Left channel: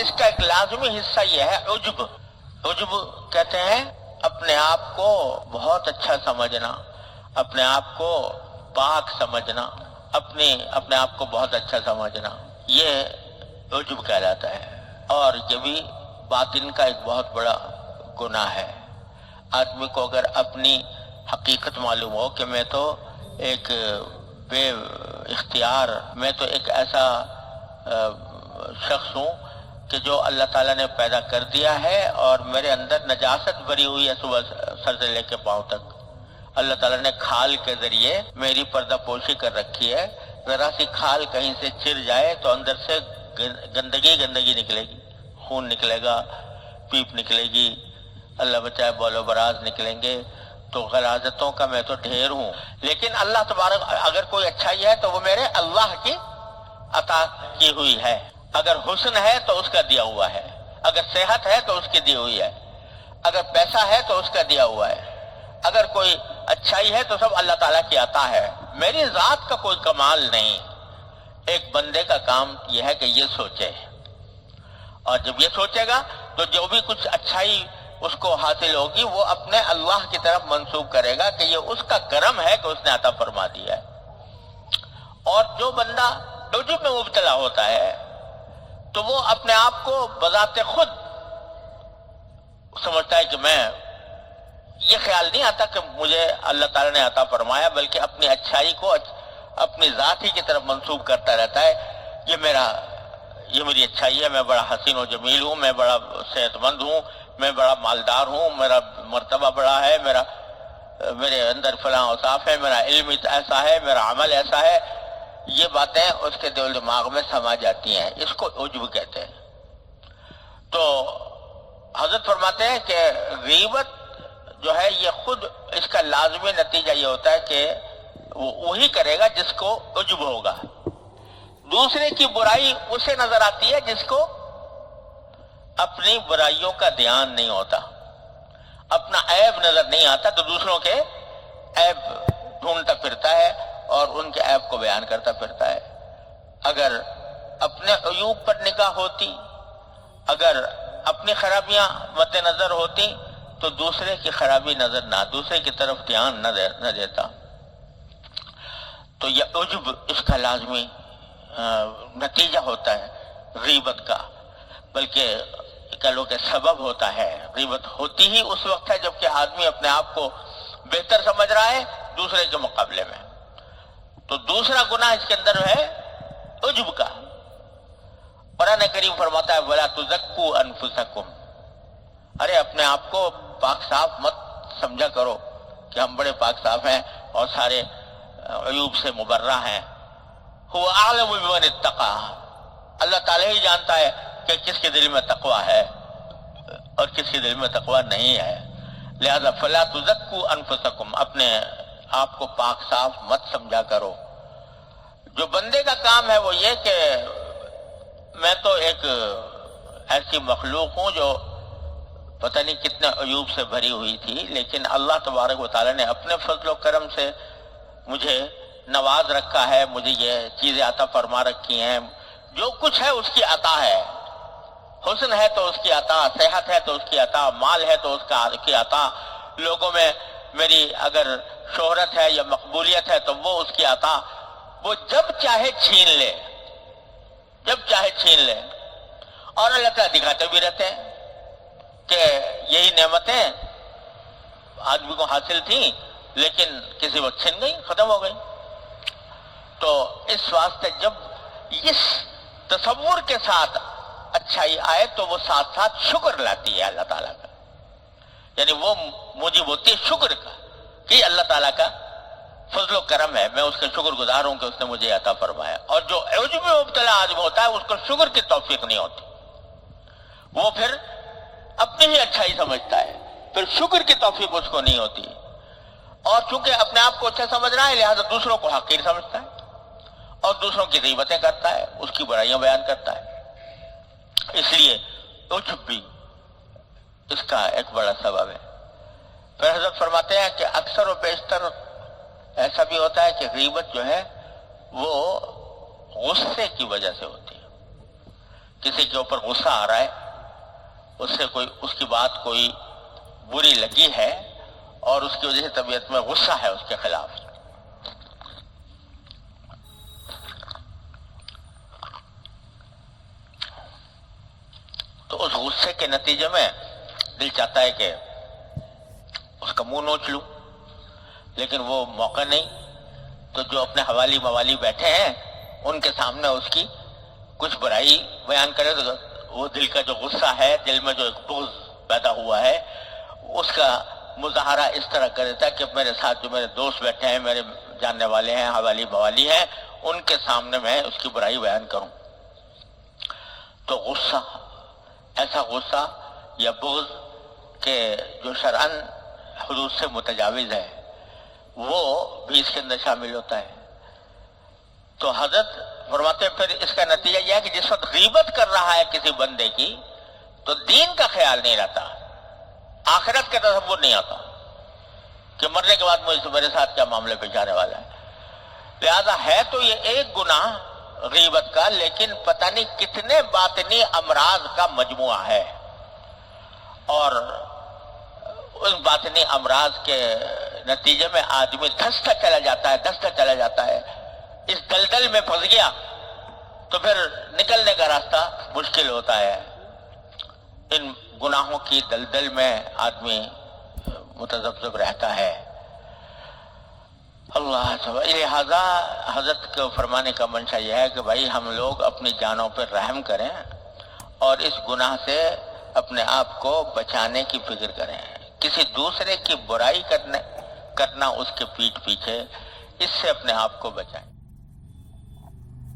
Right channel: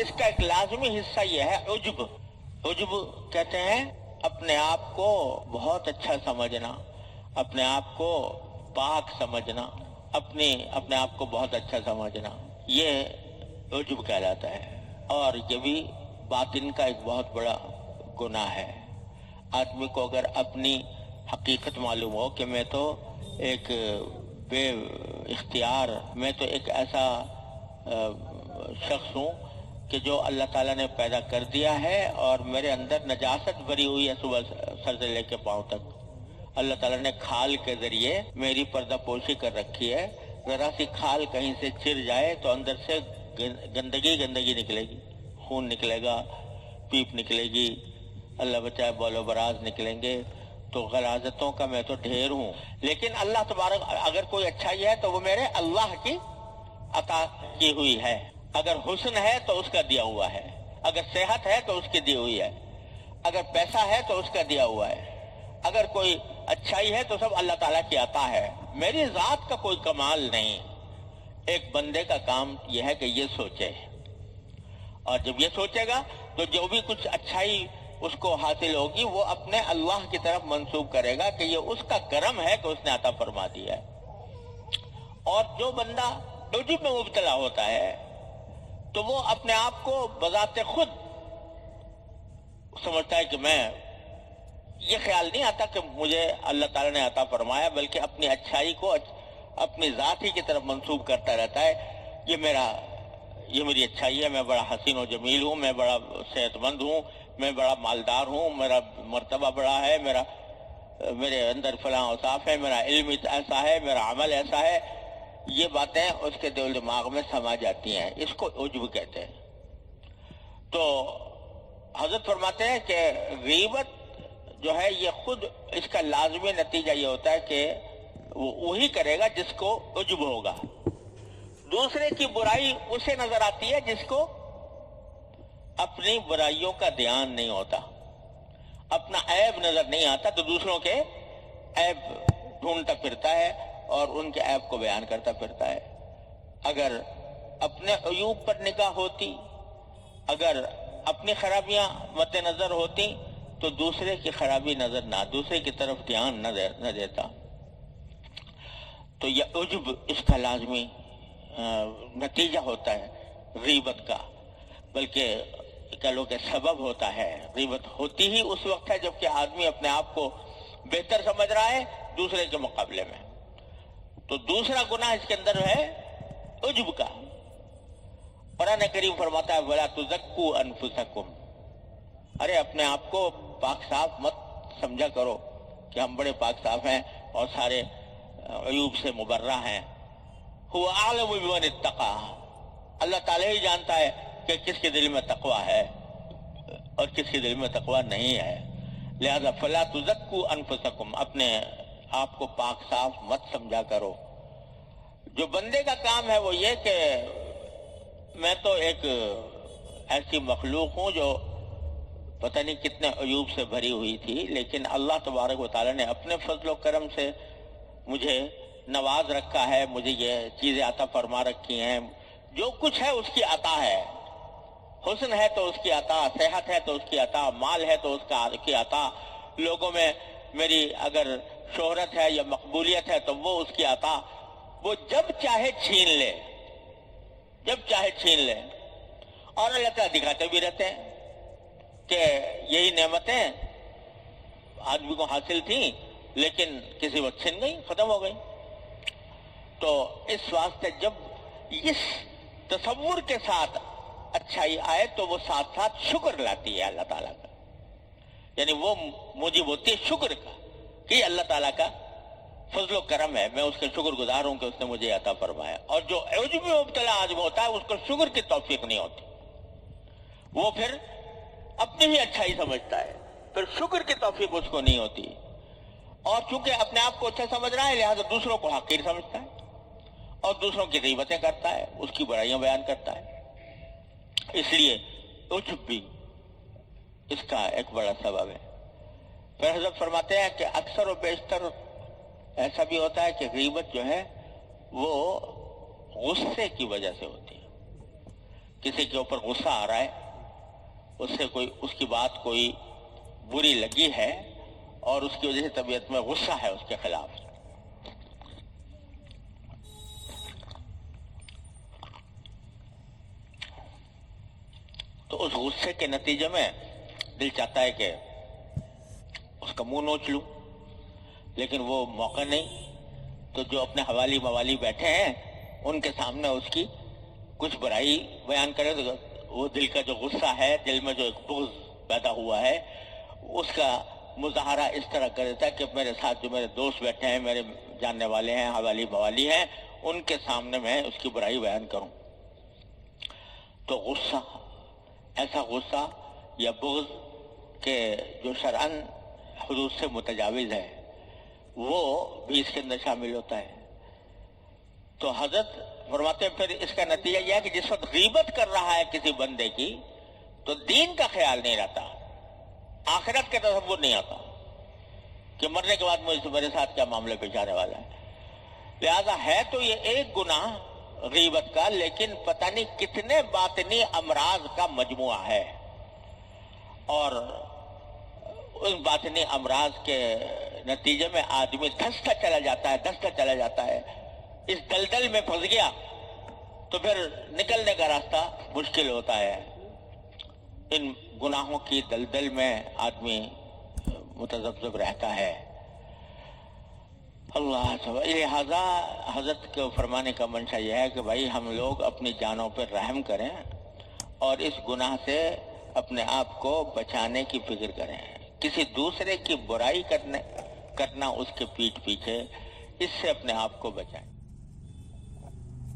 اس کا ایک لازمی حصہ یہ ہے عجب. عجب کہتے ہیں اپنے آپ کو بہت اچھا سمجھنا، اپنے آپ کو پاک سمجھنا، اپنے آپ کو بہت اچھا سمجھنا، یہ عجب کہلاتا ہے. اور یہ بھی باطن کا ایک بہت بڑا گناہ ہے. آدمی کو اگر اپنی حقیقت معلوم ہو کہ میں تو ایک بے اختیار، میں تو ایک ایسا شخص ہوں کہ جو اللہ تعالیٰ نے پیدا کر دیا ہے اور میرے اندر نجاست بھری ہوئی ہے صبح سر سے لے کے پاؤں تک. اللہ تعالیٰ نے کھال کے ذریعے میری پردہ پوشی کر رکھی ہے. ذرا سی کھال کہیں سے چر جائے تو اندر سے گندگی نکلے گی، خون نکلے گا، پیپ نکلے گی، اللہ بچائے بول و براز نکلیں گے. تو غلاظتوں کا میں تو ڈھیر ہوں. لیکن اللہ تبارک، اگر کوئی اچھائی ہے تو وہ میرے اللہ کی عطا کی ہوئی ہے. اگر حسن ہے تو اس کا دیا ہوا ہے، اگر صحت ہے تو اس کی دی ہوئی ہے، اگر پیسہ ہے تو اس کا دیا ہوا ہے، اگر کوئی اچھائی ہے تو سب اللہ تعالیٰ کی عطا ہے. میری ذات کا کوئی کمال نہیں. ایک بندے کا کام یہ ہے کہ یہ سوچے، اور جب یہ سوچے گا تو جو بھی کچھ اچھائی اس کو حاصل ہوگی وہ اپنے اللہ کی طرف منسوب کرے گا کہ یہ اس کا کرم ہے کہ اس نے عطا فرما دیا ہے. اور جو بندہ عجب میں مبتلا ہوتا ہے تو وہ اپنے آپ کو بذات خود سمجھتا ہے کہ میں، یہ خیال نہیں آتا کہ مجھے اللہ تعالیٰ نے عطا فرمایا، بلکہ اپنی اچھائی کو اپنی ذات ہی کی طرف منسوب کرتا رہتا ہے. یہ میری اچھائی ہے، میں بڑا حسین و جمیل ہوں، میں بڑا صحت مند ہوں، میں بڑا مالدار ہوں، میرا مرتبہ بڑا ہے، میرے اندر فلاں اوصاف ہے، میرا علم ایسا ہے، میرا عمل ایسا ہے. یہ باتیں اس کے دل دماغ میں سما جاتی ہیں. اس کو عجب کہتے ہیں. تو حضرت فرماتے ہیں کہ غیبت جو ہے یہ خود، اس کا لازمی نتیجہ یہ ہوتا ہے کہ وہی کرے گا جس کو عجب ہوگا. دوسرے کی برائی اسے نظر آتی ہے جس کو اپنی برائیوں کا دھیان نہیں ہوتا، اپنا عیب نظر نہیں آتا، تو دوسروں کے عیب ڈھونڈتا پھرتا ہے اور ان کے عیب کو بیان کرتا پھرتا ہے. اگر اپنے عیوب پر نگاہ ہوتی، اگر اپنی خرابیاں مد نظر ہوتی تو دوسرے کی خرابی نظر نہ، دوسرے کی طرف دھیان نہ دیتا. تو یہ عجب اس کا لازمی نتیجہ ہوتا ہے غیبت کا، بلکہ کہہ لو کہ سبب ہوتا ہے. غیبت ہوتی ہی اس وقت ہے جب کہ آدمی اپنے آپ کو بہتر سمجھ رہا ہے دوسرے کے مقابلے میں. تو دوسرا گناہ اس کے اندر ہے عجب کا. قرآن کریم فرماتا ہے وَلَا تُزَكُّوا أَنفُسَكُمْ، ارے اپنے آپ کو پاک صاف مت سمجھا کرو کہ ہم بڑے پاک صاف ہیں اور سارے عیوب سے مبرہ ہیں. هُوَ أَعْلَمُ بِمَنِ اتَّقَىٰ، اللہ تعالیٰ ہی جانتا ہے کہ کس کے دل میں تقوی ہے اور کس کے دل میں تقوی نہیں ہے. لہذا فَلَا تُزَكُّوا أَنفُسَكُمْ، اپنے آپ کو پاک صاف مت سمجھا کرو. جو بندے کا کام ہے وہ یہ کہ میں تو ایک ایسی مخلوق ہوں جو پتہ نہیں کتنے عیوب سے بھری ہوئی تھی، لیکن اللہ تبارک و تعالیٰ نے اپنے فضل و کرم سے مجھے نواز رکھا ہے، مجھے یہ چیزیں عطا فرما رکھی ہیں. جو کچھ ہے اس کی عطا ہے. حسن ہے تو اس کی عطا، صحت ہے تو اس کی عطا، مال ہے تو اس کی عطا، لوگوں میں میری اگر شہرت ہے یا مقبولیت ہے تو وہ اس کی عطا. وہ جب چاہے چھین لے، جب چاہے چھین لے. اور اللہ تعالیٰ دکھاتے بھی رہتے ہیں کہ یہی نعمتیں آدمی کو حاصل تھیں لیکن کسی وقت چھن گئی، ختم ہو گئی. تو اس واسطے جب اس تصور کے ساتھ اچھائی آئے تو وہ ساتھ ساتھ شکر لاتی ہے اللہ تعالیٰ کا. یعنی وہ موجب ہوتی ہے شکر کا کہ اللہ تعالیٰ کا فضل و کرم ہے، میں اس کا شکر گزار ہوں کہ اس نے مجھے عطا فرمایا. اور جو عجب میں مبتلا آدمی ہوتا ہے اس کو شکر کی توفیق نہیں ہوتی، وہ پھر اپنی ہی اچھائی سمجھتا ہے، پھر شکر کی توفیق اس کو نہیں ہوتی. اور چونکہ اپنے آپ کو اچھا سمجھ رہا ہے لہذا دوسروں کو حقیر سمجھتا ہے اور دوسروں کی غیبتیں کرتا ہے، اس کی برائیاں بیان کرتا ہے. اس لیے عجب بھی اس کا ایک بڑا سبب ہے. پھر حضرت فرماتے ہیں کہ اکثر و بیشتر ایسا بھی ہوتا ہے کہ غیبت جو ہے وہ غصے کی وجہ سے ہوتی ہے. کسی کے اوپر غصہ آ رہا ہے، اس کی بات کوئی بری لگی ہے اور اس کی وجہ سے طبیعت میں غصہ ہے اس کے خلاف، تو اس غصے کے نتیجے میں دل چاہتا ہے کہ اس کا منہ نوچ لوں، لیکن وہ موقع نہیں، تو جو اپنے حوالی موالی بیٹھے ہیں ان کے سامنے اس کی کچھ برائی بیان کرے تو وہ دل کا جو غصہ ہے، دل میں جو ایک بغض پیدا ہوا ہے، اس کا مظاہرہ اس طرح کر دیتا ہے کہ میرے ساتھ جو میرے دوست بیٹھے ہیں، میرے جاننے والے ہیں، حوالی موالی ہیں، ان کے سامنے میں اس کی برائی بیان کروں۔ تو غصہ، ایسا غصہ یا بغض کہ جو شرعاً حدود سے متجاوز ہے، وہ بھی اس کے اندر شامل ہوتا ہے۔ تو حضرت فرماتے ہیں پھر اس کا نتیجہ یہ ہے کہ جس وقت غیبت کر رہا ہے کسی بندے کی تو دین کا خیال نہیں رہتا، آخرت کا تصور نہیں آتا کہ مرنے کے بعد میرے ساتھ کیا معاملے پیش آنے والا ہے۔ لہذا ہے تو یہ ایک گناہ غیبت کا، لیکن پتہ نہیں کتنے باطنی امراض کا مجموعہ ہے، اور ان باطنی امراض کے نتیجے میں آدمی دھستا چلا جاتا ہے، اس دلدل میں پھنس گیا تو پھر نکلنے کا راستہ مشکل ہوتا ہے۔ ان گناہوں کی دلدل میں آدمی متذبذب رہتا ہے۔ اللہ سبحانہ، لہذا حضرت کو فرمانے کا منشا یہ ہے کہ بھائی ہم لوگ اپنی جانوں پر رحم کریں اور اس گناہ سے اپنے آپ کو بچانے کی فکر کریں۔ کسی دوسرے کی برائی کرنا اس کے پیٹھ پیچھے، اس سے اپنے آپ کو بچائیں۔